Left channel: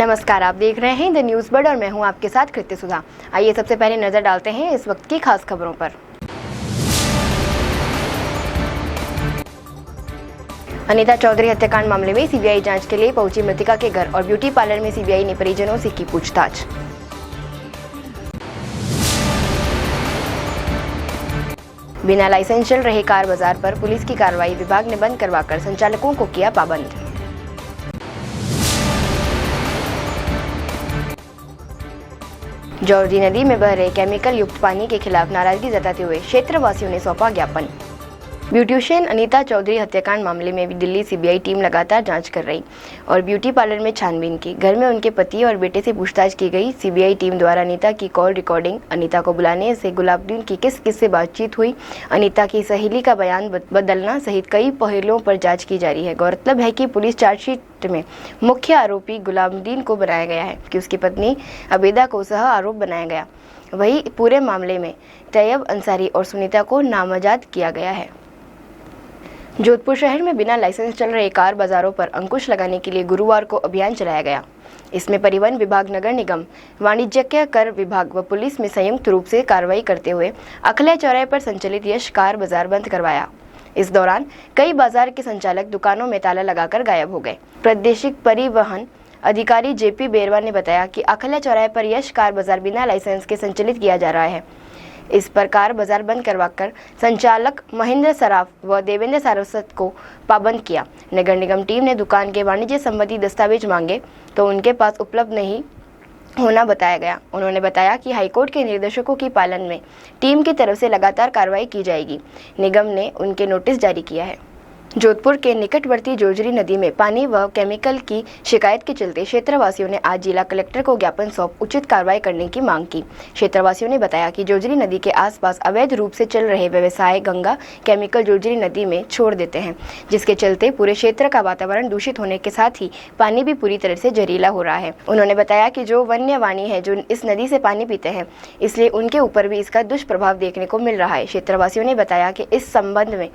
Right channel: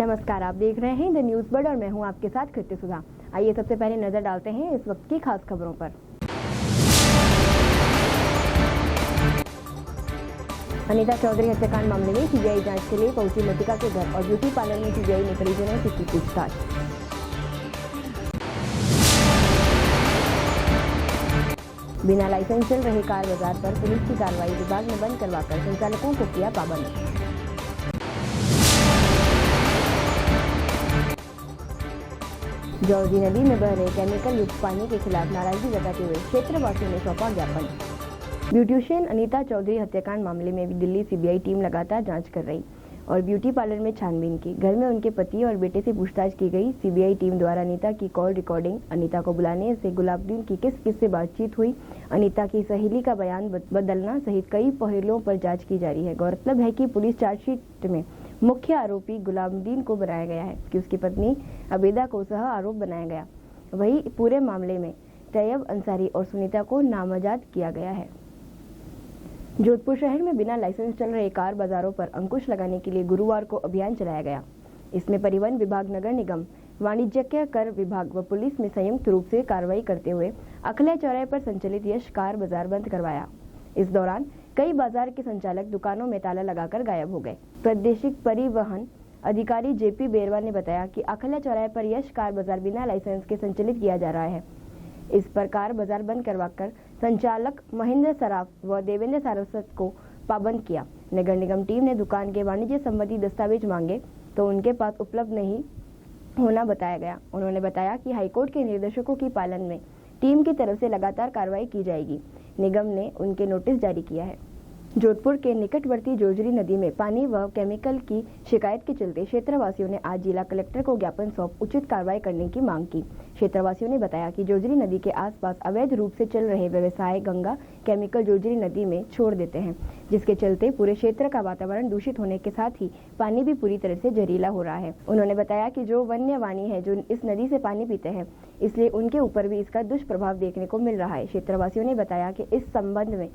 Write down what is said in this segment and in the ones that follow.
नमस्कार, आप देख रहे हैं द न्यूज़ बर्ड और मैं हूं आपके साथ कृत्य सुधा। आइए सबसे पहले नजर डालते हैं इस वक्त की खास खबरों पर। अनीता चौधरी हत्याकांड मामले में सीबीआई जांच के लिए पहुंची मृतका के घर और ब्यूटी पार्लर में सीबीआई ने परिजनों से की पूछताछ। बिना लाइसेंस चल रहे कार बाजार पर पुलिस की कार्रवाई, विभाग ने बंद करवाकर संचालकों को किया पाबंद। जौहरी नदी में बह रहे केमिकल युक्त पानी के खिलाफ नाराजगी जताते हुए क्षेत्रवासियों ने सौंपा ज्ञापन। ब्यूटिशियन अनीता चौधरी हत्याकांड मामले में भी दिल्ली सीबीआई टीम लगातार जांच कर रही और ब्यूटी पार्लर में छानबीन की। घर में उनके पति और बेटे से पूछताछ की गई। सीबीआई टीम द्वारा अनीता की कॉल रिकॉर्डिंग, अनीता को बुलाने से गुलाबदीन की किस किस से बातचीत हुई, अनीता की सहेली का बयान बदलना सहित कई पहलुओं पर जाँच की जा रही है। गौरतलब है कि पुलिस चार्जशीट में मुख्य आरोपी गुलाबदीन को बनाया गया है कि उसकी पत्नी अबेदा को सह आरोप बनाया गया। वही पूरे मामले में तैयब अंसारी और सुनीता को नामजद किया गया है। जोधपुर शहर में बिना लाइसेंस चल रहे कार बाजारों पर अंकुश लगाने के लिए गुरुवार को अभियान चलाया गया। इसमें परिवहन विभाग, नगर निगम, वाणिज्यिक कर विभाग व पुलिस में संयुक्त रूप से कार्रवाई करते हुए अखल्या चौराहे पर संचालित यश कार बाजार बंद करवाया। इस दौरान कई बाजार के संचालक दुकानों में ताला लगाकर गायब हो गए। प्रादेशिक परिवहन अधिकारी जेपी बेरवा ने बताया कि अखल्या चौराहे पर यश कार बाजार बिना लाइसेंस के संचालित किया जा रहा है। इस पर कार बाजार बंद करवाकर संचालक महेंद्र सराफ व देवेंद्र सारस्वत को पाबंद किया। नगर निगम टीम ने दुकान के वाणिज्य संबंधी दस्तावेज मांगे तो उनके पास उपलब्ध नहीं होना बताया गया। उन्होंने बताया कि हाईकोर्ट के निर्देशों की पालन में टीम की तरफ से लगातार कार्रवाई की जाएगी। निगम ने उनके नोटिस जारी किया है। जोधपुर के निकटवर्ती जोजरी नदी में पानी व केमिकल की शिकायत के चलते क्षेत्रवासियों ने आज जिला कलेक्टर को ज्ञापन सौंप उचित कार्रवाई करने की मांग की। क्षेत्रवासियों ने बताया कि जोजरी नदी के आसपास अवैध रूप से चल रहे व्यवसाय गंगा केमिकल जोजरी नदी में छोड़ देते हैं, जिसके चलते पूरे क्षेत्र का वातावरण दूषित होने के साथ ही पानी भी पूरी तरह से जहरीला हो रहा है। उन्होंने बताया कि जो वन्य वाणी है जो इस नदी से पानी पीते हैं, इसलिए उनके ऊपर भी इसका दुष्प्रभाव देखने को मिल रहा है। क्षेत्रवासियों ने बताया कि इस संबंध में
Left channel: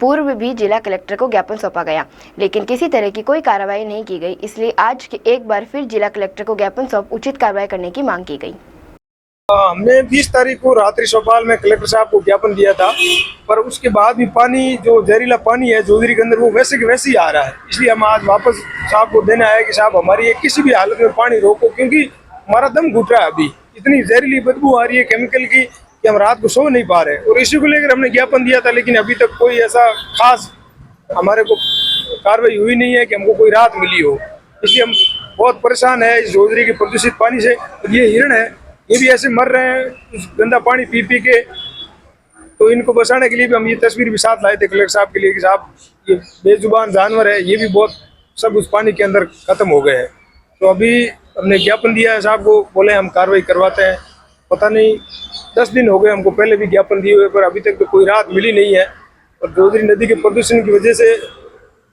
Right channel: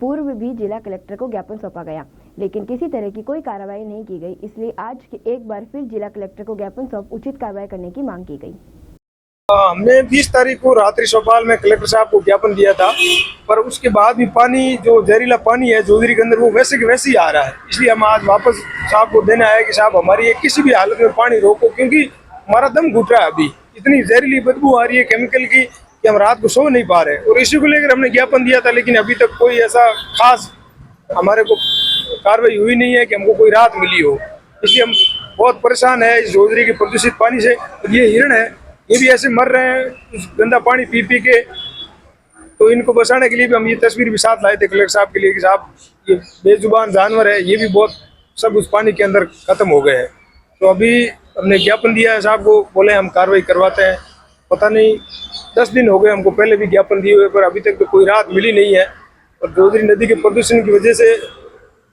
पूर्व भी जिला कलेक्टर को ज्ञापन सौंपा गया, लेकिन किसी तरह की कोई कार्रवाई नहीं की गई। इसलिए आज एक बार फिर जिला कलेक्टर को ज्ञापन सौंप उचित कार्रवाई करने की मांग की गई। हमने 20 तारीख को रात्रि चौपाल में कलेक्टर साहब को ज्ञापन दिया था, पर उसके बाद भी पानी जो जहरीला पानी है जोधरी के अंदर वो वैसे के वैसे ही आ रहा है। इसलिए हम आज वापस साहब को देना है कि साहब हमारी किसी भी हालत में पानी रोको, क्योंकि हमारा दम घुट रहा है। अभी इतनी जहरीली बदबू आ रही है केमिकल की कि हम रात को सो नहीं पा रहे। और इसी को लेकर हमने ज्ञापन दिया था, लेकिन अभी तक कोई ऐसा खास हमारे को कार्रवाई हुई नहीं है कि हमको कोई राहत मिली हो। इसलिए हम बहुत परेशान है इस जोधरी के प्रदूषित पानी से। और ये हिरण है, ये भी ऐसे मर रहे हैं गंदा पानी पी पी के। तो इनको बचाने के लिए भी हम ये तस्वीर भी साथ लाए थे कलेक्टर साहब के लिए कि साहब ये बेजुबान जानवर है, ये भी बहुत सब उस पानी के अंदर खत्म हो गए हैं। तो अभी हमने ज्ञापन दिया है साहब को, बोले हम कार्रवाई करवाते हैं। पता नहीं 10 दिन हो गए हमको पहले भी ज्ञापन दिए हुए, पर अभी तक तो कोई राहत मिली नहीं है। और जोधरी नदी के प्रदूषण की वजह से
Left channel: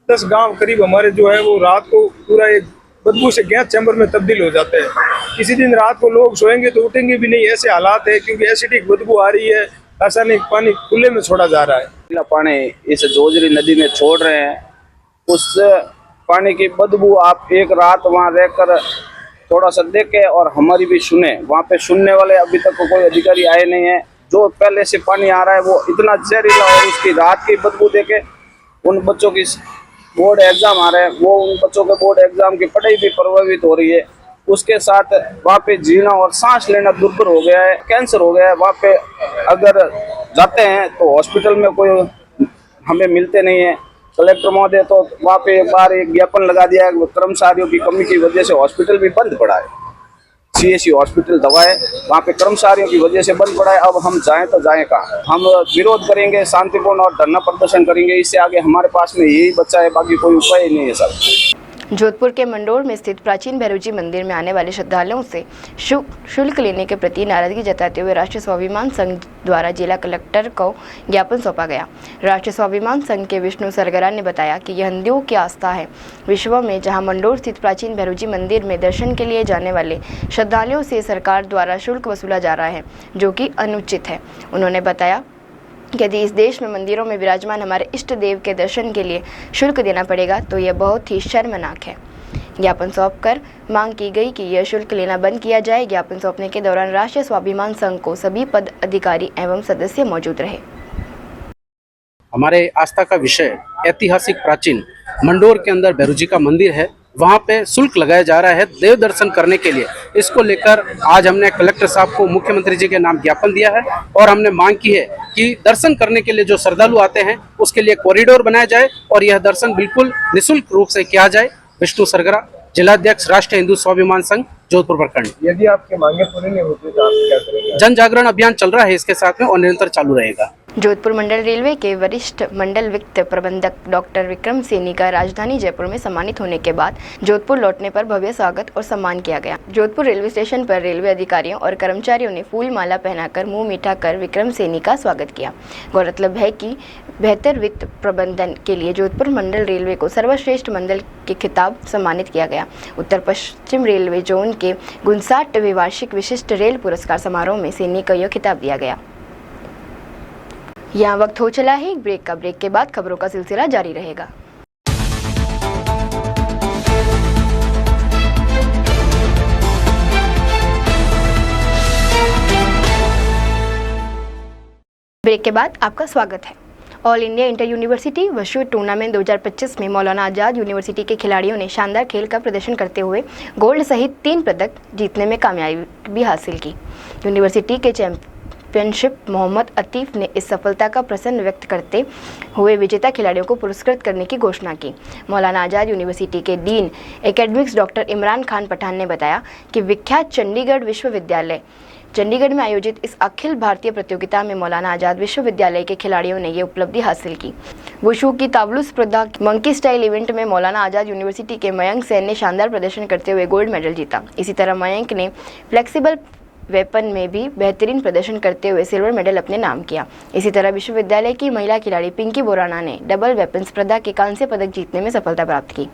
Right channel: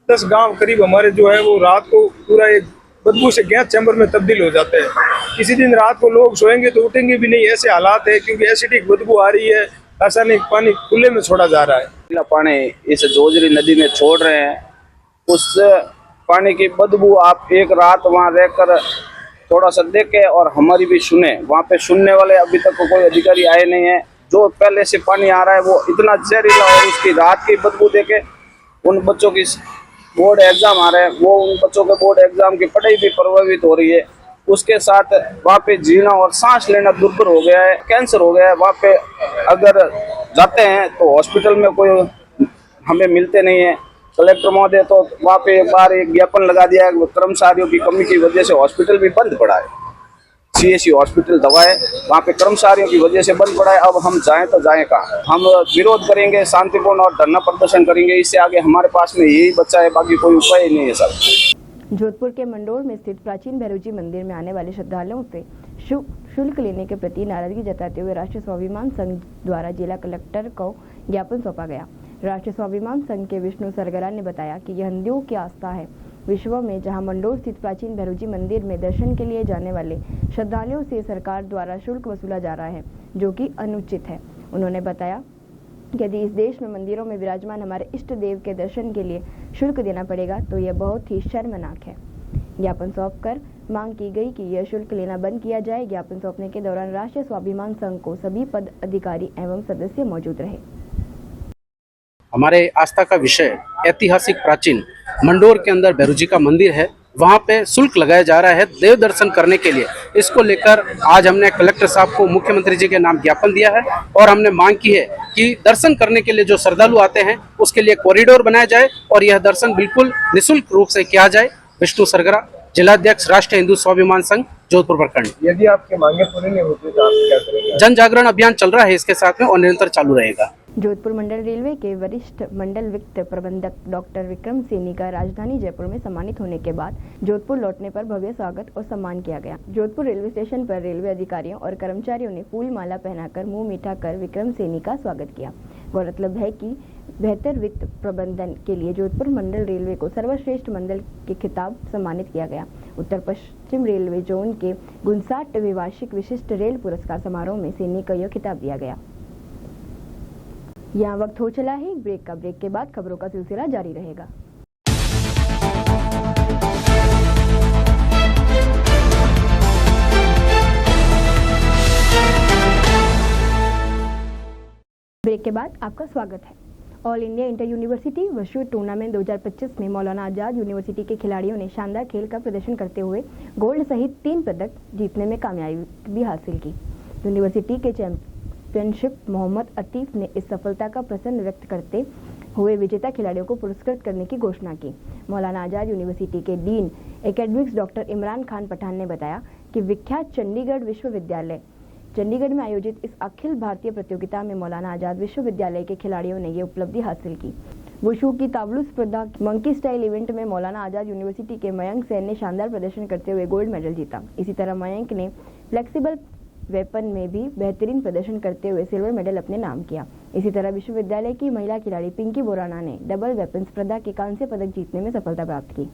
10 गांव करीब हमारे जो है वो रात को पूरा एक बदबू से गैस चैम्बर में तब्दील हो जाते हैं। किसी दिन रात को लोग सोएंगे तो उठेंगे भी नहीं, ऐसे हालात है, क्योंकि एसिडिक बदबू आ रही है। रासायनिक पानी खुले में छोड़ा जा रहा है। पानी इस जोजरी नदी में छोड़ रहे हैं, उस पानी की बदबू आप एक रात वहाँ रहकर थोड़ा सा देखे और हमारी भी सुने। वहाँ पे सुनने वाले अभी तक कोई अधिकारी आए नहीं है। जो पहले से पानी आ रहा है वो इतना जहरीला, और उसकी रात की बदबू देके उन बच्चों की बोर्ड एग्जाम आ रहे हैं, वो उन बच्चों के बोर्ड एग्जाम की पढ़ाई भी प्रभावित हो रही है। उसके साथ वहाँ पे जीना और सांस लेना दुर्भर हो गया है, कैंसर हो गया है। वहाँ पे अगर जाते हैं तो हॉस्पिटल में कोई हमें मिलते नहीं है। कलेक्टर महोदय तो वहाँ पे एक बार एक ज्ञापन लगा दिया है, कर्मचारियों की कमी की वजह से हॉस्पिटल भी बंद पड़ा है। CSC हॉस्पिटल दवाएं वहाँ पे कर्मचारियों की वजह से बंद पड़ा है। अब हम जाएं तो जाएं कहाँ? हम विरोध करेंगे शांतिपूर्ण और धरना प्रदर्शन करेंगे। इससे आगे हमारे पास में यही बच्चा है, बाकी कोई उपाय ही नहीं है सर। जोधपुर के मंडोर में स्थित प्राचीन भैरव जी मंदिर में आने वाले श्रद्धालुओं से शुल्क लेने के प्रति नाराजगी जताते हुए राष्ट्रीय स्वाभिमान संघ द्वारा जिला कलेक्टर को ज्ञापन सौंपा गया। राष्ट्रीय स्वाभिमान संघ के विष्णु सरगरा ने बताया कि यह हिंदुओं की आस्था है विश्व में, जहां मंडोर स्थित प्राचीन भैरव जी मंदिर में दर्शन के लिए जाने वाले श्रद्धालुओं से सरकार द्वारा शुल्क वसूला जा रहा है, जो कि अनुचित है। उन्होंने बताया यदि इस देश में मंदिरों में विराजमान हमारे इष्ट देव के दर्शन के लिए शुल्क देना पड़ेगा तो यह बहुत ही शर्मनाक है। ज्ञापन सौंपकर मांग की गई कि यह शुल्क लेना बंद किया जाए। ज्ञापन सौंपने के दौरान राष्ट्रीय स्वाभिमान संघ को सभी पद अधिकारी एवं सदस्य मौजूद रहे। हमारे आस्था का विषय ऐतिहासिक प्राचीन मंडोर के अंदर भैरूजी का मंदिर है, वहाँ पे शुल्क लगाया जा रहा है देव दर्शन करने के लिए। इसको लेकर आज हमने कलेक्टर साहब को मुख्यमंत्री जी के नाम ज्ञापन दिया है और हमने मांग की है कि दर्शन करने के लिए जो श्रद्धालु आते हैं उसके लिए कॉरिडोर बनाया जाए और यह दर्शन बिल्कुल निःशुल्क रूप से किया जाए। विष्णु सरगरा, जिलाध्यक्ष राष्ट्रीय हिंदू स्वाभिमान संघ, जोधपुर प्रखंड। यदि आपकी मांगे पूरी नहीं होती तो आप क्या करेंगे? जन जागरण अभियान चल रहा है इसके साथ में और निरंतर चालू रहेगा। जोधपुर मंडल रेलवे के वरिष्ठ मंडल वित्त प्रबंधक डॉक्टर विक्रम सैनी का राजधानी जयपुर में सम्मानित होने के बाद जोधपुर लौटने पर भव्य स्वागत और सम्मान किया गया। जोधपुर रेलवे स्टेशन पर रेलवे अधिकारियों और कर्मचारियों ने फूल माला पहनाकर मुंह मीठा कर विक्रम सैनी का स्वागत किया। गौरतलब है कि बेहतर वित्त प्रबंधन के लिए जोधपुर मंडल रेलवे को सर्वश्रेष्ठ मंडल के खिताब सम्मानित किया गया। उत्तर पश्चिम रेलवे जोन के 59वें वार्षिक विशिष्ट रेल पुरस्कार समारोह में सैनी को यह खिताब दिया गया। यहाँ वक्त हो चला है एक ब्रेक का। ब्रेक के बाद खबरों का सिलसिला जारी रहेगा। ब्रेक के बाद आपका स्वागत है। All India inter university wushu tournament 2025 में मौलाना आजाद यूनिवर्सिटी के खिलाड़ियों ने शानदार खेल का प्रदर्शन करते हुए गोल्ड सहित 3 पदक जीतने में कामयाबी हासिल की। यूनिवर्सिटी के चैंपियनशिप मोहम्मद अतीफ ने इस सफलता का प्रसन्न व्यक्त करते हुए विजेता खिलाड़ियों को पुरस्कृत करने की घोषणा की। मौलाना आजाद यूनिवर्सिटी के dean academics doctor Imran Khan Pathan ने बताया कि विख्यात चंडीगढ़ विश्वविद्यालय चंडीगढ़ में आयोजित इस अखिल भारतीय प्रतियोगिता में मौलाना आजाद विश्वविद्यालय के खिलाड़ियों ने ये उपलब्धि हासिल की। वुशु की ताबलू स्पर्धा मंकी स्टाइल इवेंट में मौलाना आजाद यूनिवर्सिटी के मयंक सेन ने शानदार प्रदर्शन करते हुए गोल्ड मेडल जीता। इसी तरह मयंक ने फ्लेक्सिबल वेपन में भी बेहतरीन प्रदर्शन करते हुए सिल्वर मेडल अपने नाम किया। इसी तरह विश्वविद्यालय की महिला खिलाड़ी पिंकी बोराना ने डबल वेपन स्पर्धा के कांस्य पदक जीतने में सफलता प्राप्त की।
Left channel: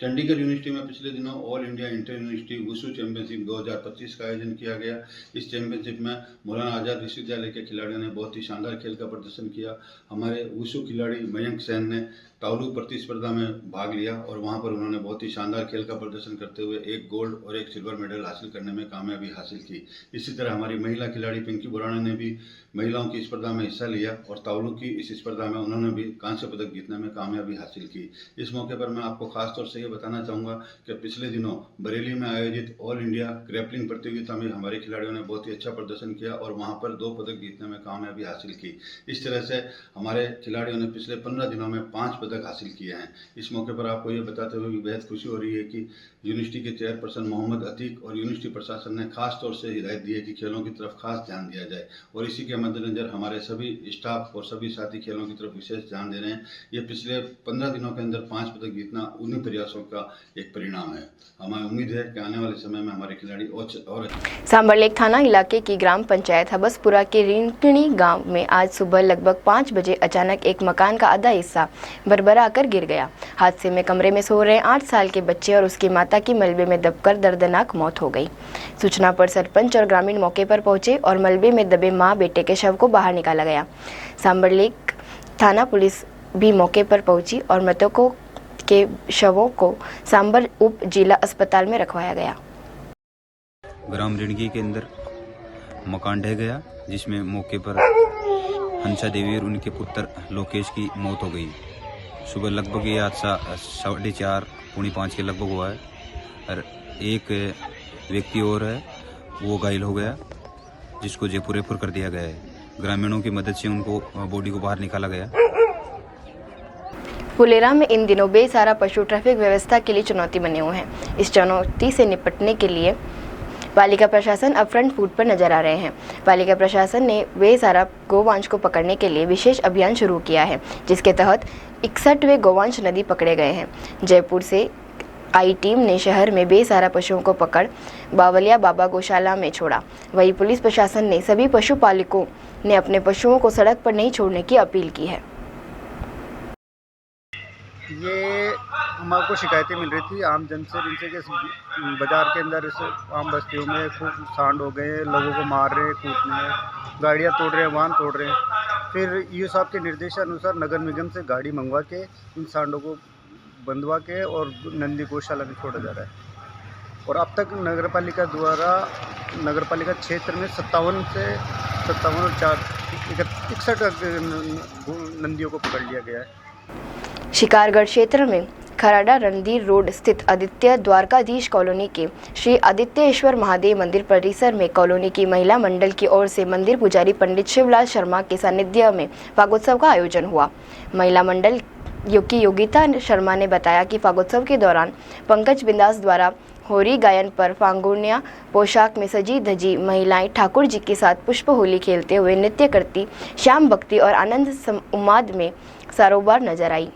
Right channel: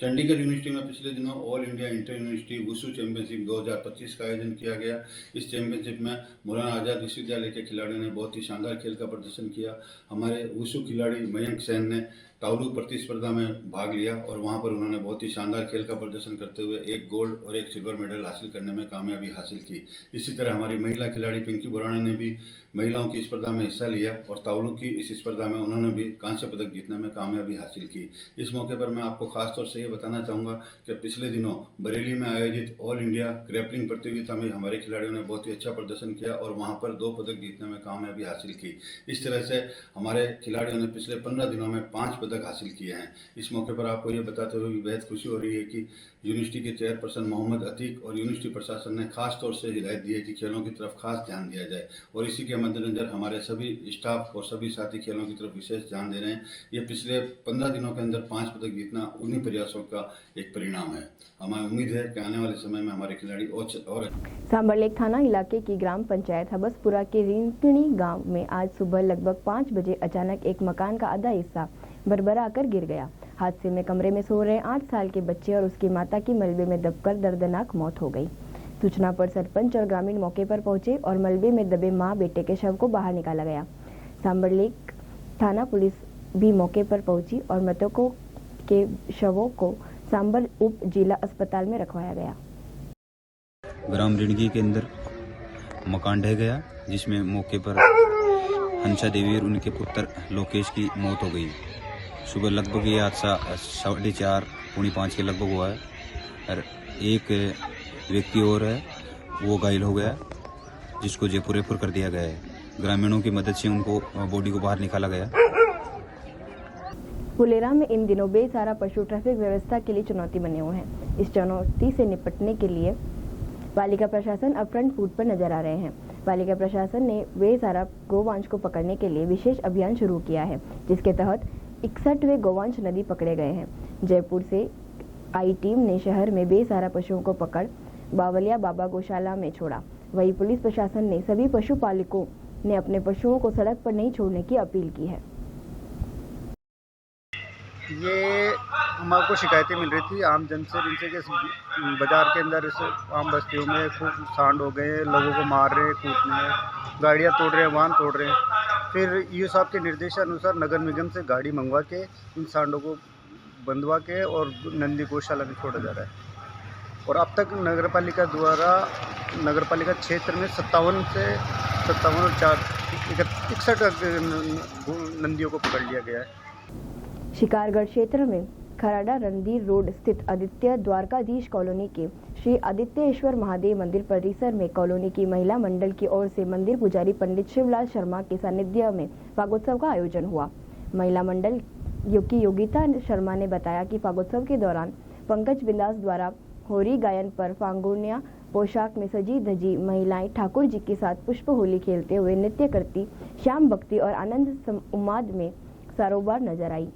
चंडीगढ़ यूनिवर्सिटी में पिछले दिनों all India inter university wushu championship 2025 का आयोजन किया गया। इस चैंपियनशिप में मौलाना आजाद विश्वविद्यालय के खिलाड़ियों ने बहुत ही शानदार खेल का प्रदर्शन किया। हमारे वुशु खिलाड़ी मयंक सेन ने तावलू प्रतिस्पर्धा में भाग लिया और वहां पर उन्होंने बहुत ही शानदार खेल का प्रदर्शन करते हुए 1 गोल्ड और 1 सिल्वर मेडल हासिल करने में कामयाबी हासिल की। इसी तरह हमारी महिला खिलाड़ी पिंकी बोराना ने भी महिलाओं की स्पर्धा में हिस्सा लिया और तावलू की इस स्पर्धा में उन्होंने भी कांस्य पदक जीतने में कामयाबी हासिल की। इस मौके पर मैं आपको खास तौर से ये बताना चाहूँगा कि पिछले दिनों बरेली में आयोजित ऑल इंडिया ग्रैपलिंग प्रतियोगिता में हमारे खिलाड़ियों ने बहुत ही अच्छा प्रदर्शन किया और वहाँ पर 2 पदक जीतने में कामयाबी हासिल की। इस तरह से हमारे खिलाड़ियों ने पिछले 15 दिनों में 5 पदक हासिल किए हैं। इस मौके पर आपको ये बताते हुए भी बेहद खुशी हो रही है कि यूनिवर्सिटी के चेयरपर्सन मोहम्मद अतीक और यूनिवर्सिटी प्रशासन ने खास तौर से हिदायत दी है कि खेलों की तरफ खास ध्यान दिया जाए और इसी के मद्देनजर हमारे सभी स्टाफ और सभी साथी खेलों की तरफ विशेष ध्यान दे रहे हैं। ये पिछले 15 दिनों के अंदर 5 पदक जीतना उन्हीं प्रयासों का एक परिणाम है। हमें उम्मीद है कि आने वाले समय में हमारे खिलाड़ी और सांबरलेक थाना इलाके की ग्राम पंचायत हबसपुरा के रिंकणी गांव में आज सुबह लगभग 5 बजे अचानक एक मकान का आधा हिस्सा भरभरा आकर गिर गया। हादसे में कमरे में सो रहे 8 साल के बच्चे और उसकी माता की मलबे में दबकर दर्दनाक मौत हो गई। सूचना पर सरपंच और ग्रामीण मौके पर पहुंचे और मलबे में दबे मां बेटे के शव को बाहर निकाला गया। सांबरलेक थाना पुलिस भी मौके पर पहुंची और मृतकों के शवों को सांबर उप जिला अस्पताल में रखवाया गया। ग्राम रिणगी के अंदर मकान ढह गया जिसमें मौके पर हंसा देवी और उनके पुत्र लोकेश की मौत हो गई। सुबह लगभग ये हादसा 4:30 पौने 5 के लगभग हुआ है और एक व्यक्ति और है वो घायल हो गया जिसको जयपुर रेफर कर दिया गया है। ग्रामीणों की मदद से उनको बॉडी को बाहर निकाला गया। फुलेरा में इन दिनों बेसहारा पशु ट्रैफिक व्यवस्था के लिए चुनौती बने हुए हैं। इस चुनौती से निपटने के लिए पालिका प्रशासन अब फ्रंट फुट पर नजर आ रहे हैं। पालिका प्रशासन ने बेसहारा गोवंश को पकड़ने के लिए विशेष अभियान शुरू किया है जिसके तहत 61वें गोवंश नदी पकड़े गए हैं। जयपुर से आई टीम ने शहर में बेसहारा पशुओं को पकड़ बावलिया बाबा गौशाला में छोड़ा। वहीं पुलिस प्रशासन ने सभी पशुपालकों ने अपने पशुओं को सड़क पर नहीं छोड़ने की अपील की है। ये हमारे शिकायतें मिल रही थी आम जन से जिनसे कि बाज़ार के अंदर आम बस्तियों में खूब सांड हो गए हैं, लोगों को मार रहे हैं, कूटने हैं, गाड़ियाँ तोड़ रहे हैं, वाहन तोड़ रहे हैं। फिर ईओ साहब के निर्देशानुसार नगर निगम से गाड़ी मंगवा के इन सांडों को बंधवा के और नंदी गौशाला में छोड़ा जा रहा है। और अब तक नगरपालिका क्षेत्र में 57 और 61 नंदियों को पकड़ लिया गया है। शिकारगढ़ क्षेत्र में खराड़ा रणधीर रोड स्थित आदित्य द्वारकाधीश कॉलोनी के श्री आदित्येश्वर महादेव मंदिर परिसर में कॉलोनी की महिला मंडल की ओर से मंदिर पुजारी पंडित शिवलाल शर्मा के सानिध्य में फागोत्सव का आयोजन हुआ। महिला मंडल की योगिता शर्मा ने बताया कि फागोत्सव के दौरान पंकज बिंदास द्वारा होरी गायन पर फांगुनिया पोशाक में सजी धजी महिलाएं ठाकुर जी के साथ पुष्प होली खेलते हुए नृत्य करती श्याम भक्ति और आनंद उन्माद में सारोबार नजर आई।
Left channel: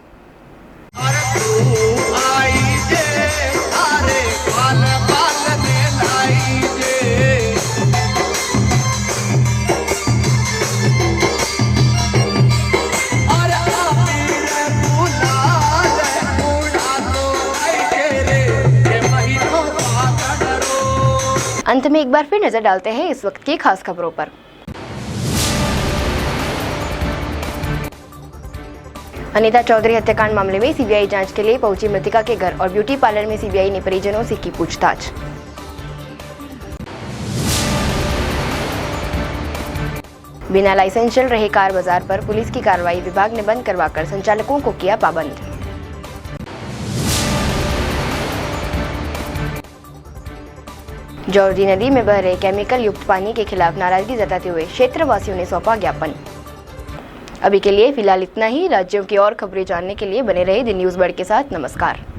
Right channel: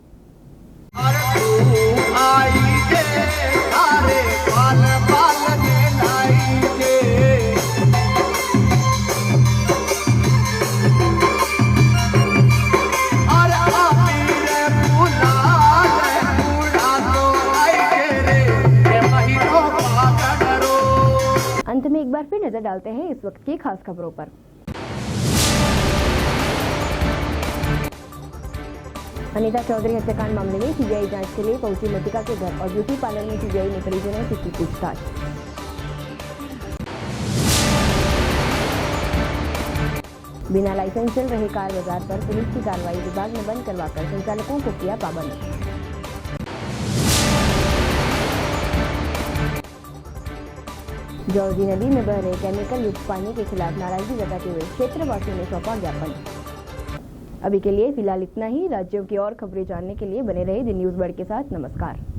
अंत में एक बार फिर नजर डालते हैं इस वक्त की खास खबरों पर। अनीता चौधरी हत्याकांड मामले में सीबीआई जांच के लिए पहुंची मृतका के घर और ब्यूटी पार्लर में सीबीआई ने परिजनों से की पूछताछ। बिना लाइसेंस चल रहे कार बाजार पर पुलिस की कार्रवाई, विभाग ने बंद करवाकर संचालकों को किया पाबंद। जौहरी नदी में बह रहे केमिकल युक्त पानी के खिलाफ नाराजगी जताते हुए क्षेत्रवासियों ने सौंपा ज्ञापन। अभी के लिए फिलहाल इतना ही। राज्यों की और खबरें जानने के लिए बने रहे द न्यूज़ बर्ड के साथ। नमस्कार।